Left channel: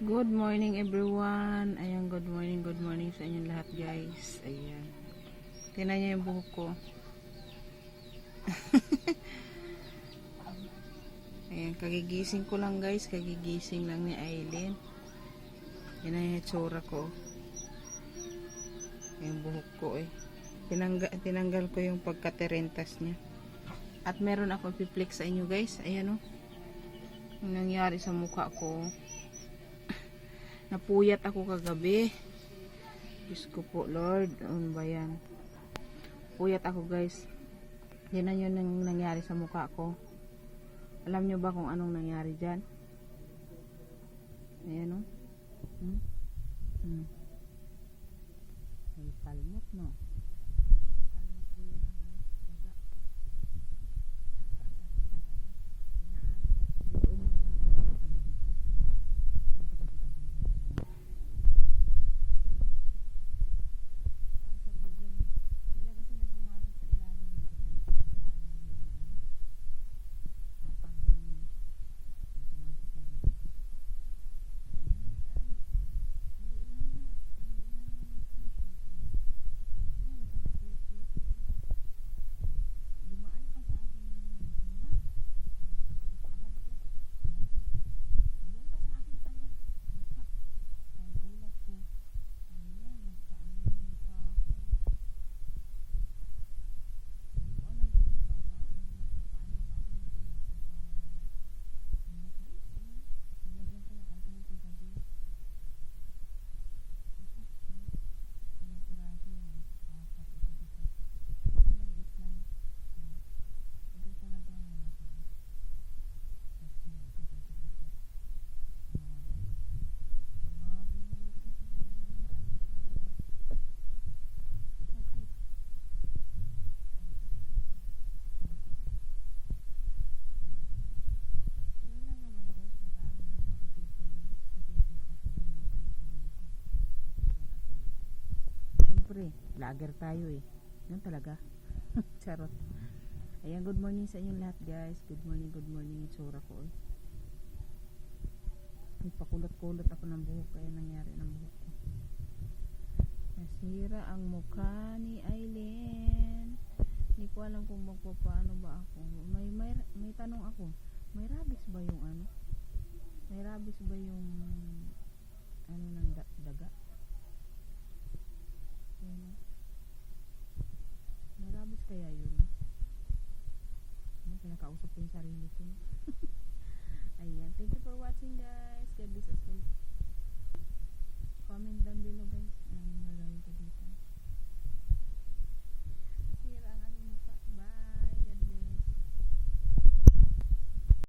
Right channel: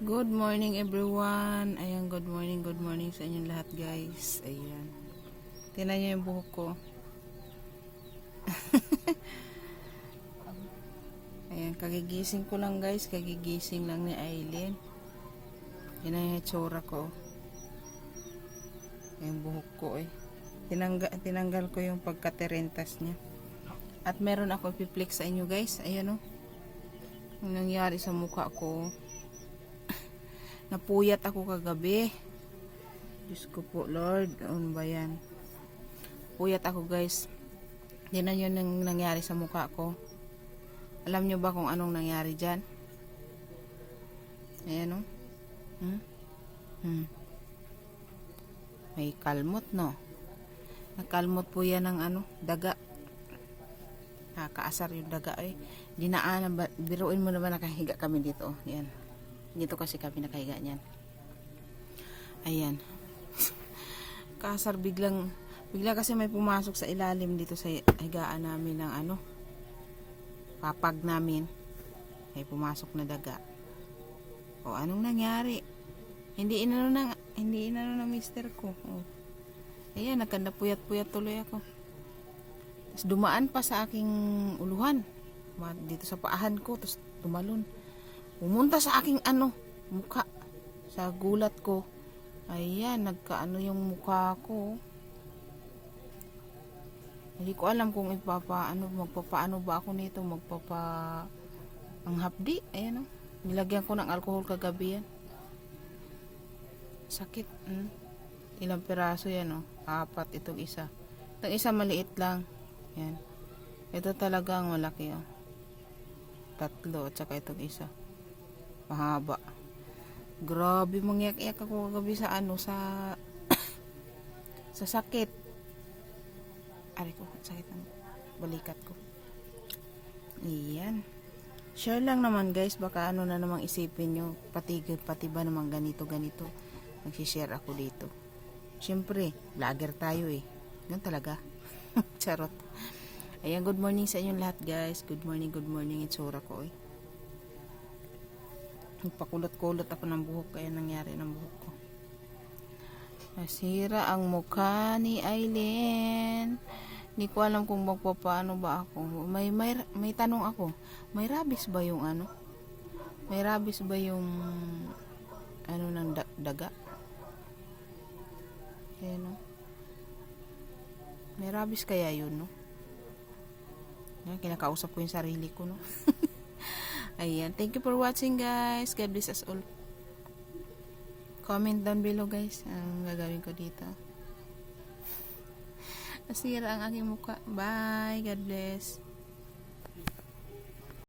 Good morning everyone. Ayan, good morning, good morning sa inyong lahat guys. Ayan. Tingnan niyo yung buhok ko. Ayan, kagigising ko lang guys. Kagigising lang ni Aileen. Yan na yung itsura ko. Yung buhok ko eh. Tinangga, tinanggal ko yung pagkaterentas niya. At meron ako ipiplex sa inyo guys. Ayan o. Oh. Yung nangyari sa mukha ko. Napuyat ako kagabi. Diyos ko po, Lord. Ano ba yan? Puyat ako, guys. Yan na yun ang nangyari sa mukha ko. Alam nyo ba kung anong nangyari dyan? Ayan, oh. Hmm? Hmm. May kalmot, no? Nakalmot po yan ng ano, daga. Nakakaasar yung daga, eh. Dinaanan ba, biruin mo naman nakahiga kami dito. Yan. Dito kasi kami nakahiga niyan. Ayan. Kasar biglang bigla kasi may pumasok sa ilalim dito sa higaan namin ng ano papag namin. May pumasok na daga. O anong nangyari? Hindi inano na hindi inano na mister ko. O. Ayan, nagkanda puyat-puyat tuloy ako. Tapos dumaan pa sa aking uluhan. Dito sa paahan ko, tapos tumalon pumunta sa aking ano, mukha. Sa gulat ko. Ayan, nagkaano yung mukha ko. Hindi ko alam kung ipapaano, magpapaano ba ako nito, magpapa ang hapdi, ayan o. Nilagyan ko ng alcohol kagabi yan. Sakit. Mm. Ilang piraso yan o. Apat itong isa. Itong isa maliit lang. Yan. Ito talaga ang malaki o. Tatlo at saka itong isa mahaba grabe mangyak-yak ako kagabi sa ano sa sa sakit. Ari ko sakit ng balikat ko. Iyan share lang naman guys. Baka ano na namang isipin nyo pati, pati ba naman ganito ganito. Nagsishare ako dito. Syempre vlogger tayo eh. Yun talaga. Charot. Ayan good morning sa inyong lahat guys. Good morning good morning. Itsura ko eh Nagpakulot-kulot ako ng buhok kaya nangyari ng buhok ko. Nasira ang mukha ni Aileen. Hindi ko alam kung magpapaano ba ako. May, may, may tanong ako. May rabies ba yung ano? May rabies ba yung ano ng da- daga? Ayan o. May rabies kaya yun, no? Kinakausap ko yung sarili ko, no? Ayan. Thank you for watching guys. God bless us all. Comment down below guys. Ang gagawin ko dito. Nasira ang aking mukha. Bye. God bless.